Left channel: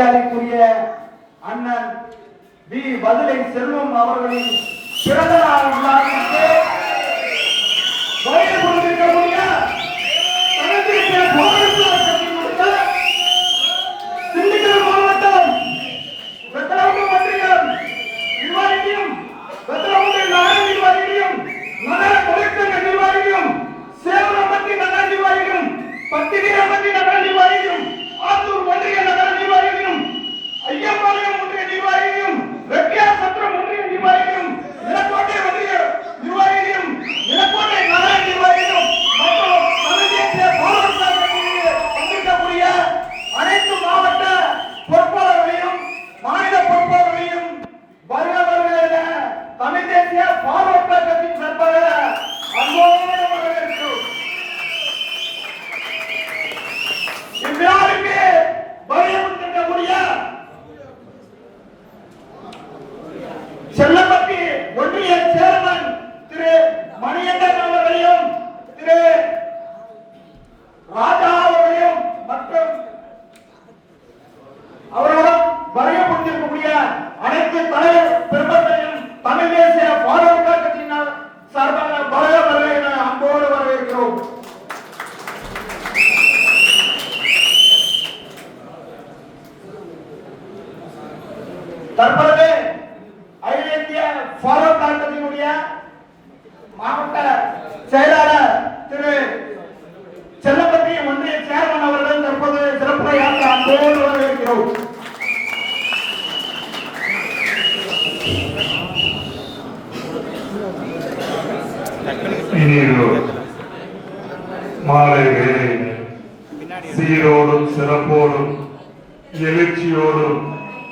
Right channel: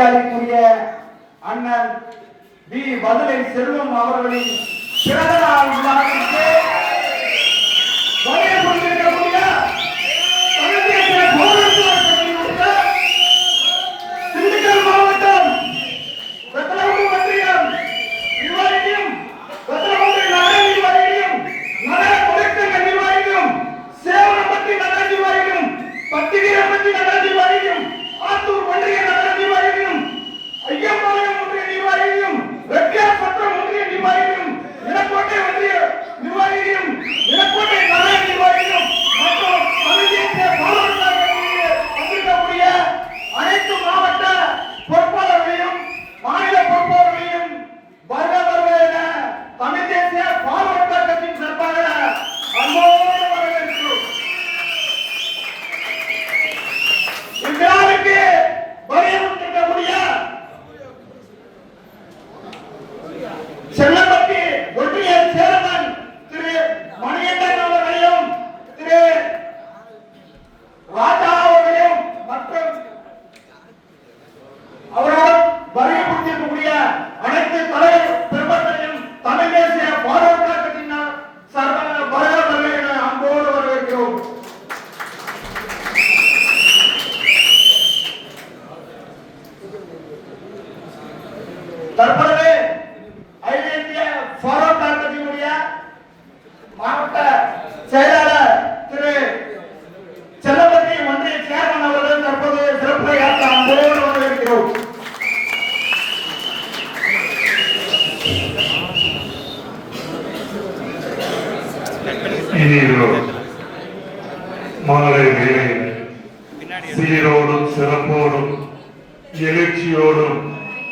மரியாதைக்குரிய அண்ணன் வி. வதுலை செல்வம் அவர்களின் பிறந்த நாள் விழாவிற்கு வருகை கொடுத்திருக்கக்கூடிய தமிழ்தேசிய போராட்ட கட்சியினுடைய திண்டுக்கல் மாவட்டம் வெத்தலாம்பு ஒன்றியம் நிர்வாகியும் வெத்தலாம்பு நகர நிர்வாகியும் நகர தொழிற்சங்க நிர்வாகியும் சேவனம்பட்டி நகர நிர்வாகியும் நகர చెప్పాలి అమ్మో! தற்பொழுது அகில இந்திய ஃபார்வர்ட் கட்சியினுடைய மாவட்ட செயலாளர் திரு செல்லப்பட்டி ஒன்றிய சேர்மன் அவர்கள் தற்போது சிறப்புரையாற்ற அன்போடு வரவேற்கிறோம். மாலை சீரோடும் சிறப்போடும் எழுச்சியோடும்